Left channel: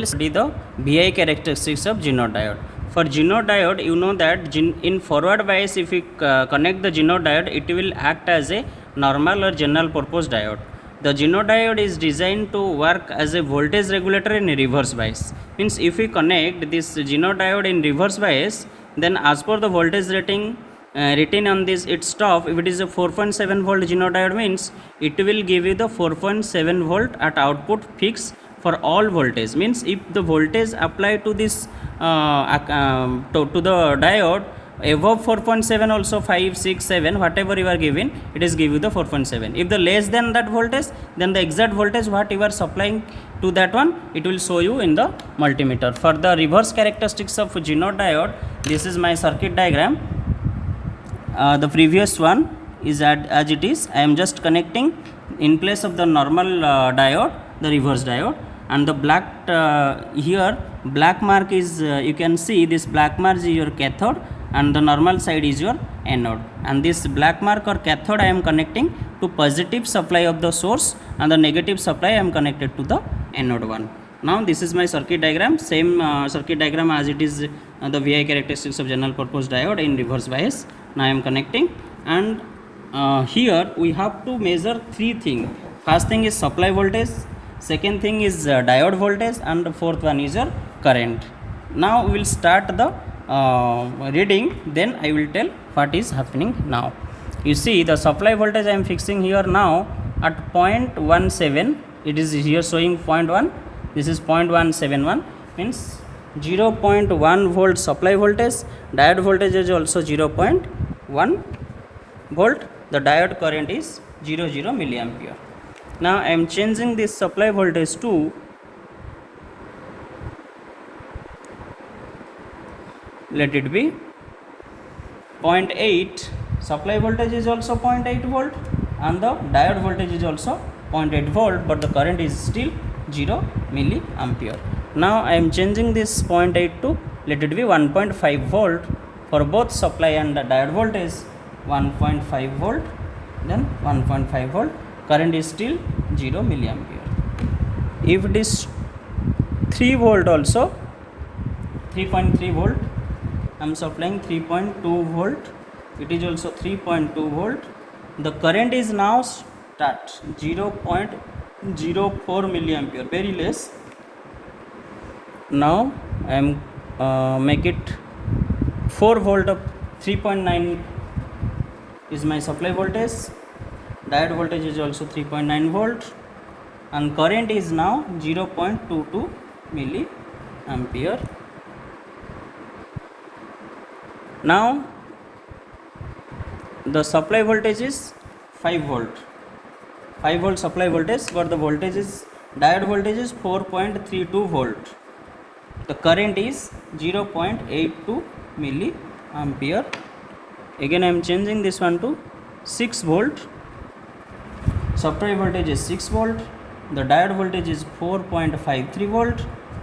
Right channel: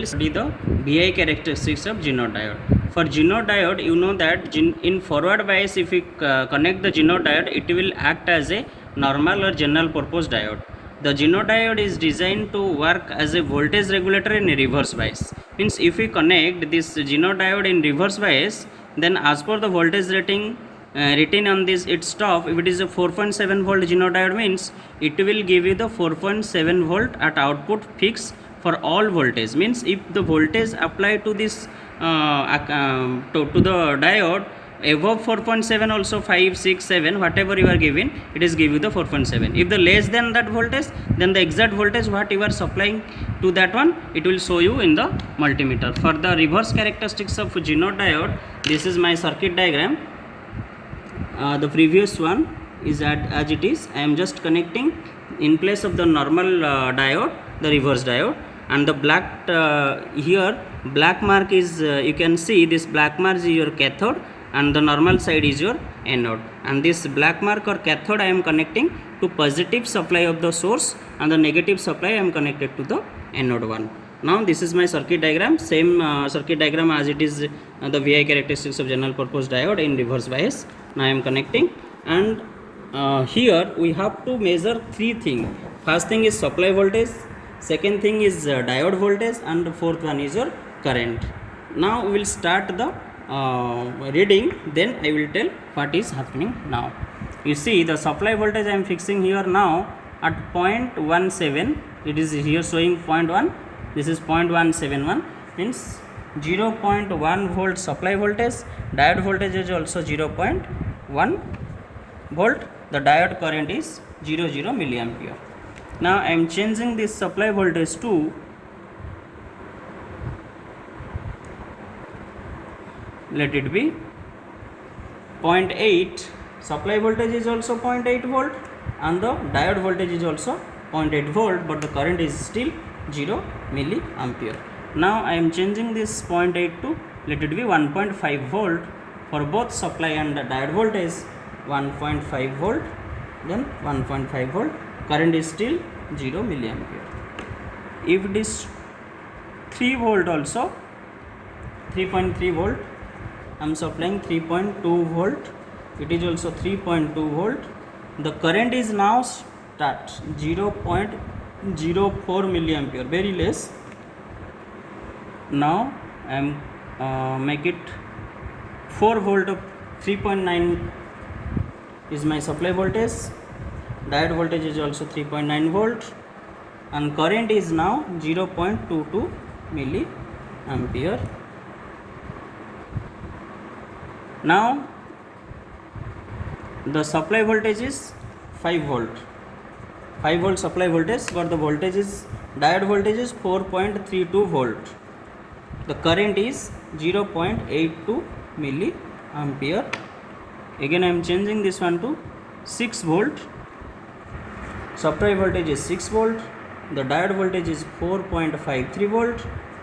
will study the VI characteristics of Zenode diode. For Zenode diode, you know that in forward bias, if we connect the Zenode diode, it will act as a normal or general purpose diode. The Zenode diode is designed to work as a voltage regulator in a reverse bias. Means if we connect this Zenode diode in reverse bias, then as per the voltage rating written on this its top, if it is a 4.7 volt Zenode diode, means it will give you the 4.7 volt at output fixed for all voltage. Means if the voltage applied to this to the diode above 4.7, also 5, 6, 7, whatever you are giving, it is give you the 4.7. if the less than that voltage, then the exact voltage what you are supplying to that one, it will show you in the multimeter. For the reverse characteristics of Zenode diode, this is my circuit diagram. The previous one is as it is. I am just connecting in place of the normal diode, the reverse diode, and the black here black mark is you can see this black mark is your cathode and the normal side is your anode, and this black mark or cathode I am connecting to positive supply of the source and the negative supply I am connected to the anode one. Now this is my circuit diagram, same circuit diagram as it is the VI characteristics of general purpose diode in reverse bias. Now I am connecting, and here we have to measure three things. First thing is supply voltage, second thing is diode voltage, and the fourth one is your current. Now we will start the reading, then I will tell what is happening now. You see the supply voltage I am fixing here now at 0.17. it is here showing 0.1, this is 0.171, means 0.1 volt supply voltage. Diode voltage is also 0.1 volt. The diode current is 0 milliampere. Now I am changing this supply voltage to, let it be 0.8. supply voltage is also 0.8 volt and the diode voltage is also 0.8 volt, but the current is still 0 milliampere. Now I am changing this 0.8 to, let it be 1.5 volt. For both supply and the diode voltage 1.5 volt, then 1.5 volt, current is still 0 milliampere. If it is 3 volt also, 3.3 volt, I am supplying 3.2 volt, it is also 3.2 volt. The current is now start 0.04 milliampere, very less. Now I am make it 4 volt of 3.9 is my supply voltage. Diode voltage is also 3.9 volt and current is now 0.22 milliampere. Now the supply voltage is 5 volt, 5 volt supply voltage, but the voltage is, diode voltage is 4.32 volt. The current is 0.82 milliampere. Again I am changing this one to 6 volt. Supply voltage is 6 volt. The diode voltage is 4.53 volt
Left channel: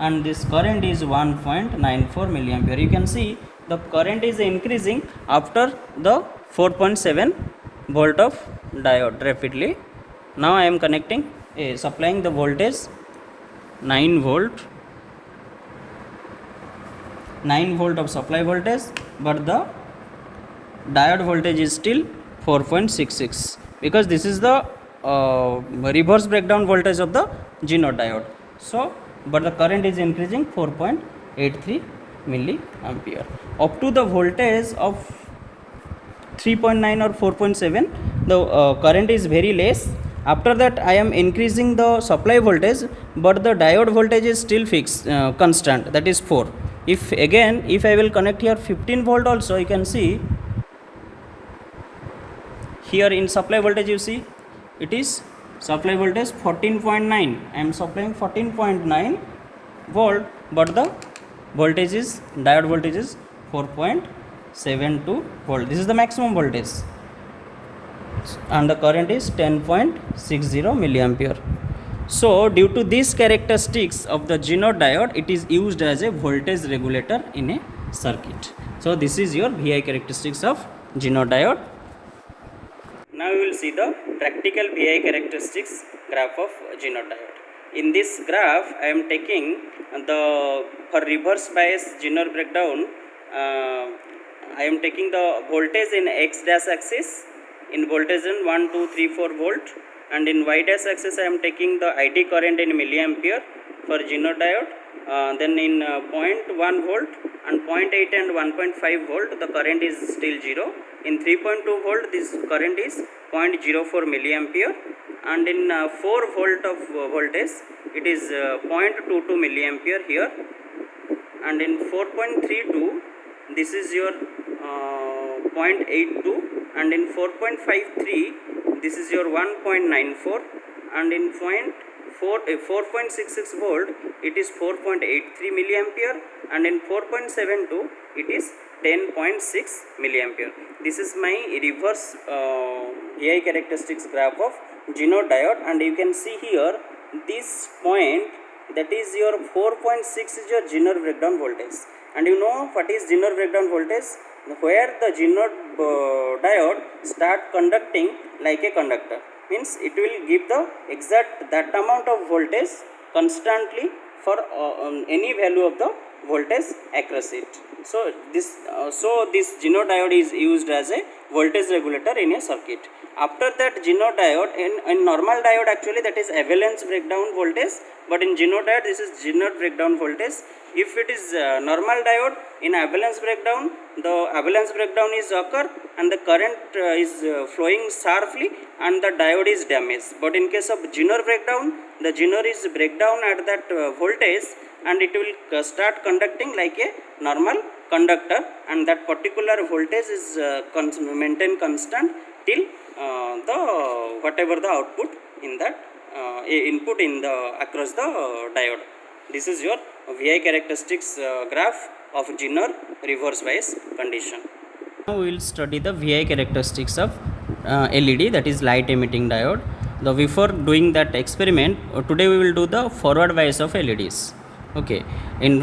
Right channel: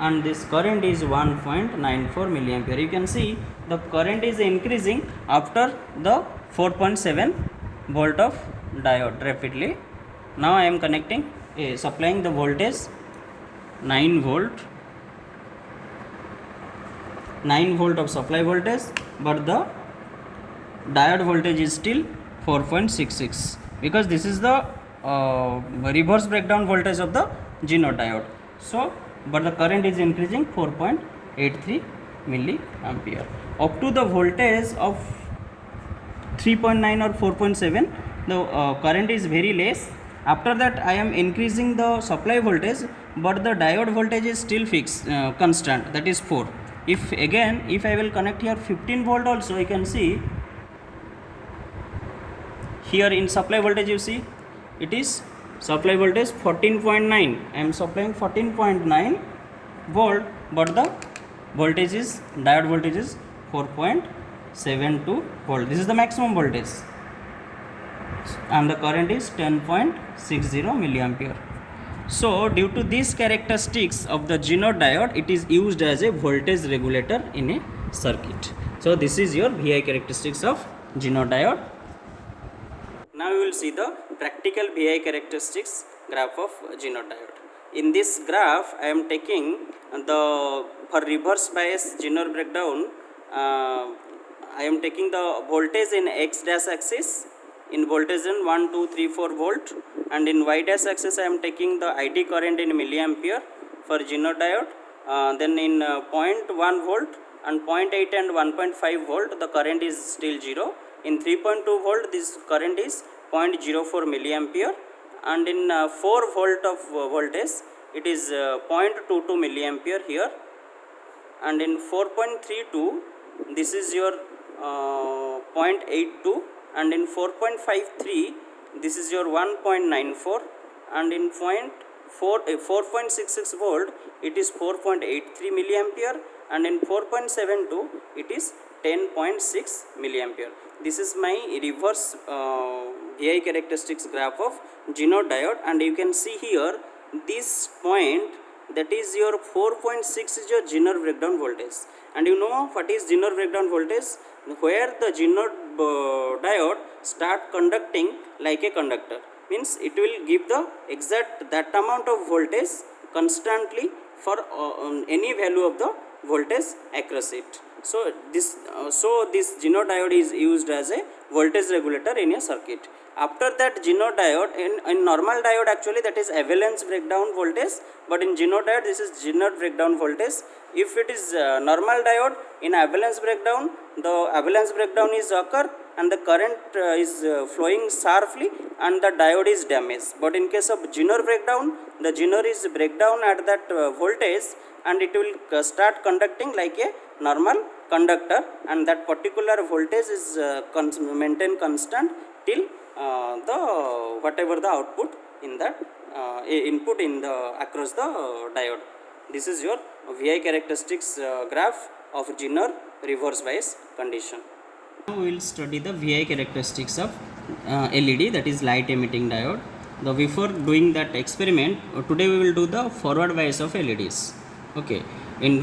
and this current is 1.94 milliampere. You can see the current is increasing after the 4.7 volt of diode rapidly. Now I am connecting supplying the voltage 9 volt, 9 volt of supply voltage, but the diode voltage is still 4.66 because this is the reverse breakdown voltage of the Zenode diode. So but the current is increasing 4.83 milliampere up to the voltage of 3.9 or 4.7. the current is very less. After that I am increasing the supply voltage, but the diode voltage is still fixed constant, that is 4. If I will connect here 15 volt also, you can see here in supply voltage, you see it is supply voltage 14.9. I am supplying 14.9 volt, but the voltage is, diode voltage is 4.72 volt. This is the maximum voltage and the current is 10.60 milliampere. So due to these characteristics of the Zenode diode, it is used as a voltage regulator in a circuit. So this is your VI characteristics of Zenode diode. Now we will see the practical VI characteristics graph of Zenode diode. In this graph I am taking the, for reverse bias Zener breakdown, I am taking the voltage in x dash axis, in voltage in 1 2 3 4 volt, and in y dash axis I am taking the ID current in milliampere for Zener diode. Then in 0.1 volt and 0.8 and 1.5 volt the current is still 0. In 3.2 volt this current is 0.04 milliampere, and in 4 volt of voltage it is 0.22 milliampere here, and in 4.32 this is your 0.82, and in 4.53 this is your 1.94, and in 4.66 volt it is 4.83 milliampere, and in 4.72 it is 10.6 milliampere. This is my reverse AI characteristics graph of Zener diode, and you can see here this point, that is your 4.6 is your Zener breakdown voltage. And you know what is Zener breakdown voltage? Where the Zener diode start conducting like a conductor, means it will give the exact that amount of voltage constantly for any value of the voltage across it. So this Zener diode is used as a voltage regulator in a circuit. After that Zener diode, in normal diode actually that is avalanche breakdown voltage, but in Zener diode this is Zener breakdown voltage. If it is normal diode, in avalanche breakdown the avalanche breakdown is occur and the current is flowing sharply and the diode is damaged. But in case of Zener breakdown, the Zener is breakdown at that voltage and it will start conducting like a normal conductor, and that particular voltage is maintained constant till the whatever the output in that input in the across the diode. This is your VI characteristics graph of Zener reverse bias condition. Now we will study the VI characteristics of LED, that is light emitting diode. Before doing that experiment, today we will do the forward bias of LEDs. Okay, in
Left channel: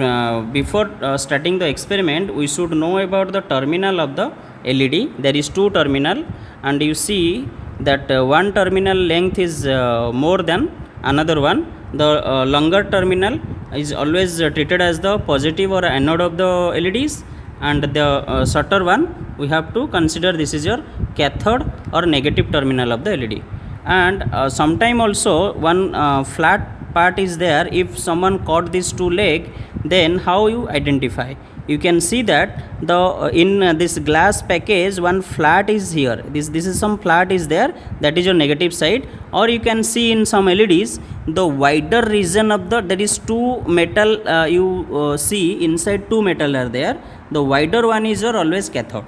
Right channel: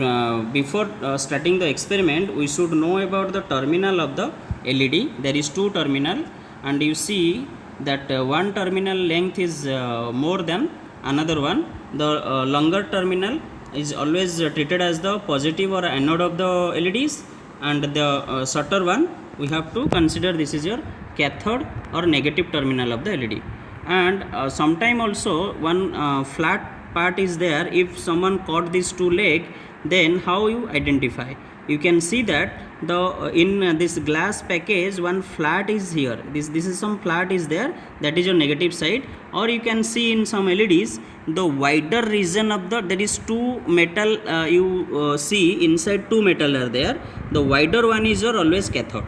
before starting the experiment we should know about the terminal of the LED. There is two terminal, and you see that one terminal length is more than another one. The longer terminal is always treated as the positive or anode of the LEDs, and the shorter one we have to consider this is your cathode or negative terminal of the LED. And sometime also one flat part is there. If someone caught these two leg, then how you identify? You can see that the in this glass package one flat is here. This is some flat is there, that is your negative side. Or you can see in some LEDs the wider region of the, there is two metal you see inside two metal are there. The wider one is your always cathode.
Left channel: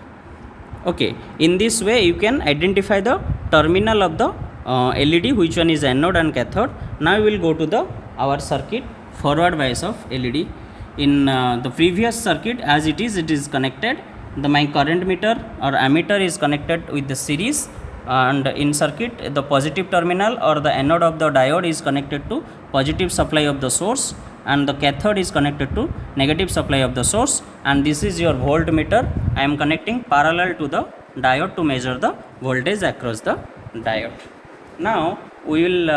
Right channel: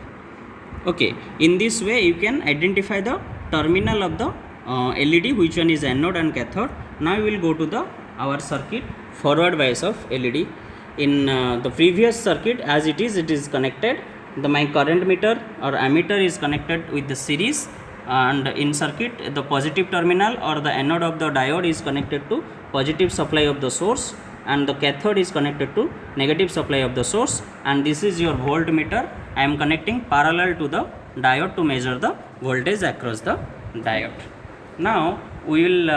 Okay, in this way you can identify the terminal of the LED, which one is anode and cathode. Now we will go to the our circuit forward bias of LED. In the previous circuit, as it is connected, my current meter or ammeter is connected with the series, and in circuit the positive terminal or the anode of the diode is connected to positive supply of the source, and the cathode is connected to negative supply of the source, and this is your voltmeter. I am connecting parallel to the diode to measure the voltage across the diode. Now we will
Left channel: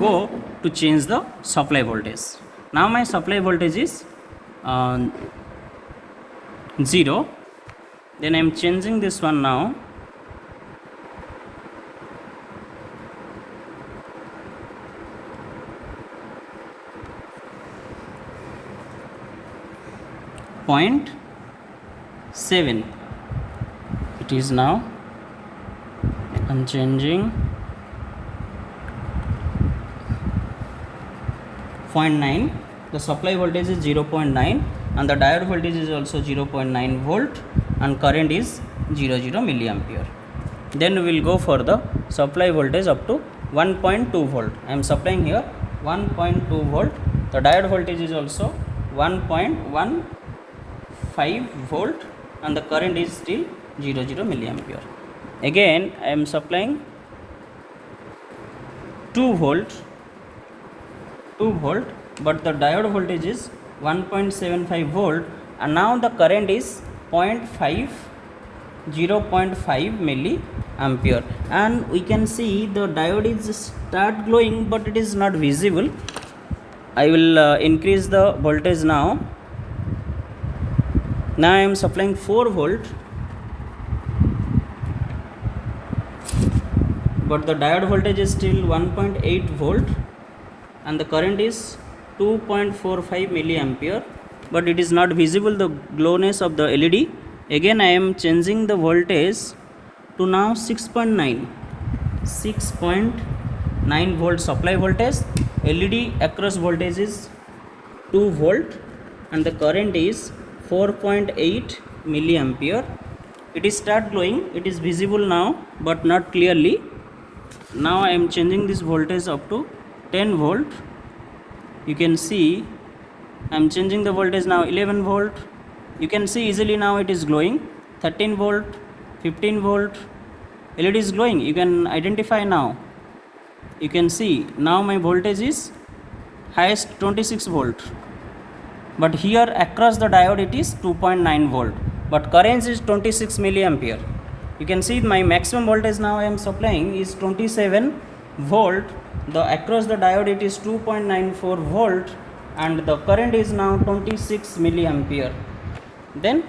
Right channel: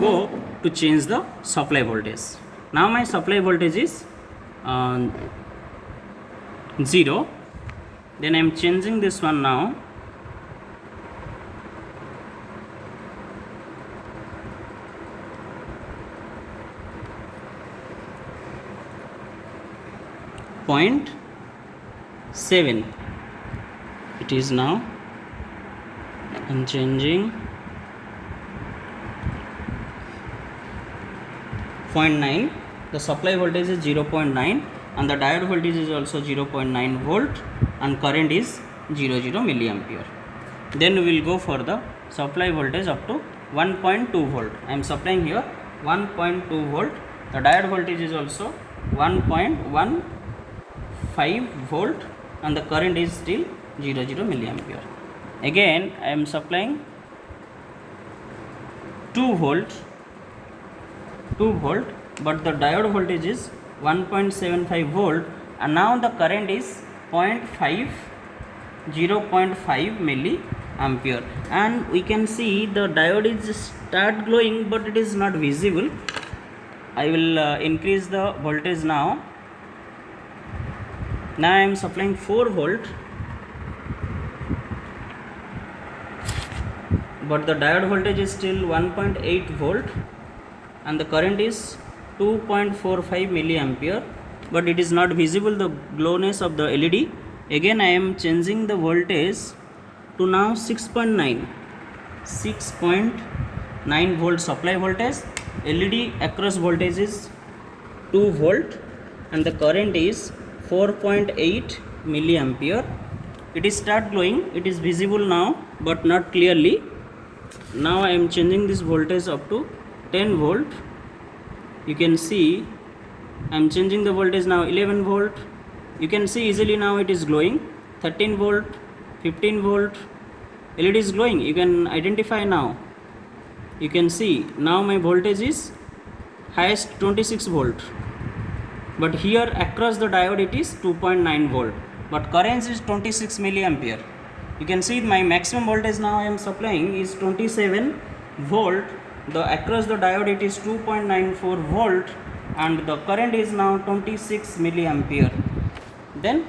go to change the supply voltage. Now my supply voltage is 0. Then I am changing this one now. Point 7 it is now. I am changing 0.9. The supply voltage is 0.9 and the diode voltage is also 0.9 volt and current is 00 milliampere. Then we will go for the supply voltage up to 1.2 volt. I am supplying here 1.2 volt. The diode voltage is also 1.15 volt and the current is still 00 milliampere. Again I am supplying 2 volt, but the diode voltage is 1.75 volt, and now the current is 0.5 milliampere, and we can see the diode is start glowing but it is not visible. I will increase the voltage now. Now I am supplying 4 volt, but the diode voltage is still 1.8 volt and the current is 2.45 milliampere, but it is not visible the glowness of the LED. Again I am changing the voltage to now 6.9 volt supply voltage. LED across voltage is 2 volt and the current is 4.8 milliampere. It is start glowing, it is visible now but not clearly. Now I am changing this voltage up to 10 volt. You can see I am changing the voltage now 11 volt. You can see easily now it is glowing. 13 volt, 15 volt, LED is glowing. You can identify now. You can see now my voltage is highest 26 volt, but here across the diode it is 2.9 volt, but current is 26 milliampere. You can see my maximum voltage now I am supplying is 27 volt. The across the diode it is 2.94 volt and the current is now 26 milliampere. Then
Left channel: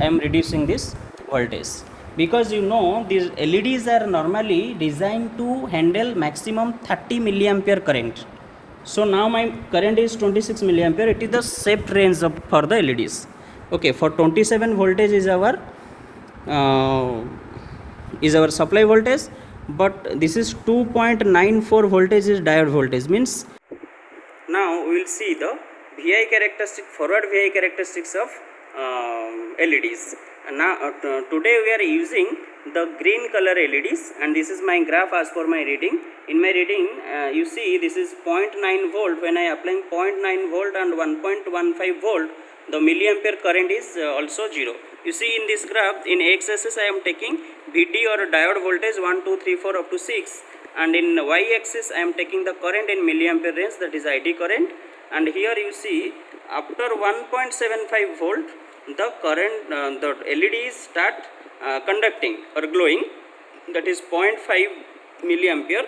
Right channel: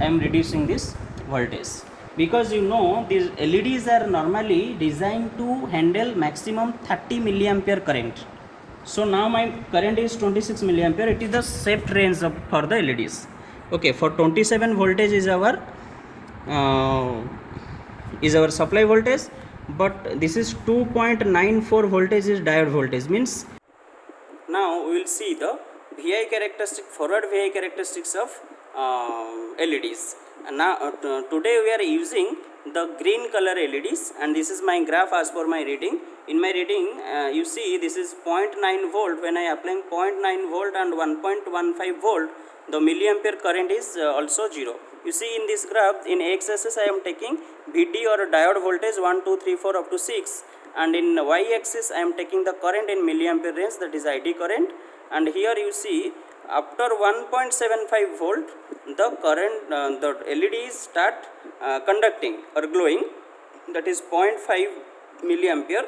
I am reducing this voltage because you know these LEDs are normally designed to handle maximum 30 milliampere current. So now my current is 26 milliampere. It is the safe range for the LEDs. Okay, for 27 voltage is our supply voltage, but this is 2.94 voltage is diode voltage. Means now we will see the VI characteristic, forward VI characteristics of LEDs. Now today we are using the green color LEDs, and this is my graph as per my reading. In my reading you see this is 0.9 volt. When I applying 0.9 volt and 1.15 volt, the milliampere current is also 0. You see in this graph, in x-axis I am taking VT or diode voltage 1, 2, 3, 4 up to 6, and in y-axis I am taking the current in milliampere range, that is ID current. And here you see after 1.75 volt the current the LEDs start conducting or glowing, that is 0.5 milliampere.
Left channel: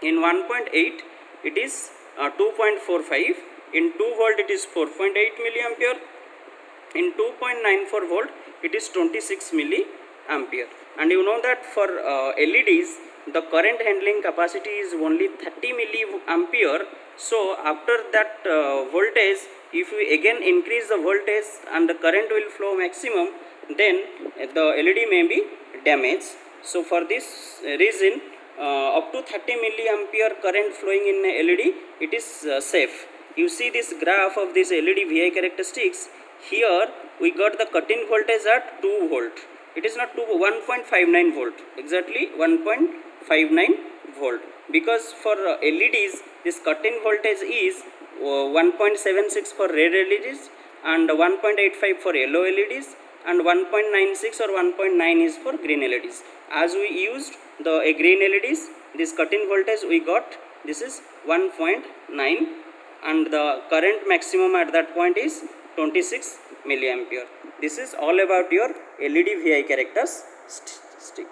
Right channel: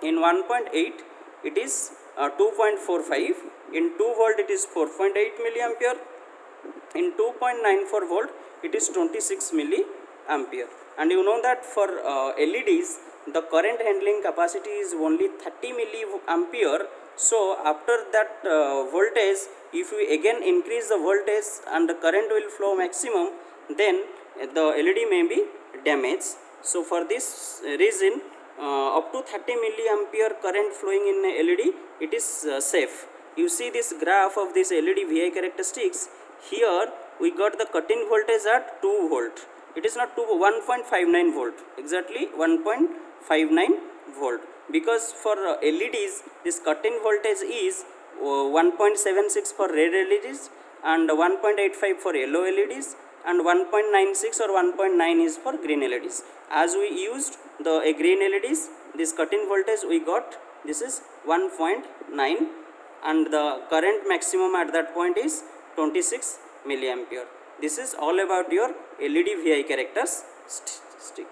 In 1.8 it is 2.45. In 2 volt it is 4.8 milliampere. In 2.94 volt it is 26 milliampere. And you know that for LEDs the current handling capacity is only 30 milliampere. So after that voltage, if we again increase the voltage and the current will flow maximum, then the LED may be damaged. So for this reason up to 30 milliampere current flowing in LED, it is safe. You see this graph of this LED VI characteristics. Here we got the cut-in voltage at 2 volt. It is not 1.59 volt, exactly 1.59 volt, because for LEDs this cut-in voltage is 1.76 for red LEDs and 1.85 for yellow LEDs and 1.96 or 1.9 is for green LEDs. As we used the green LEDs, this cut-in voltage we got, this is 1.9, and the current maximum at that point is 26 milliampere. This is all about your LED VI characteristic.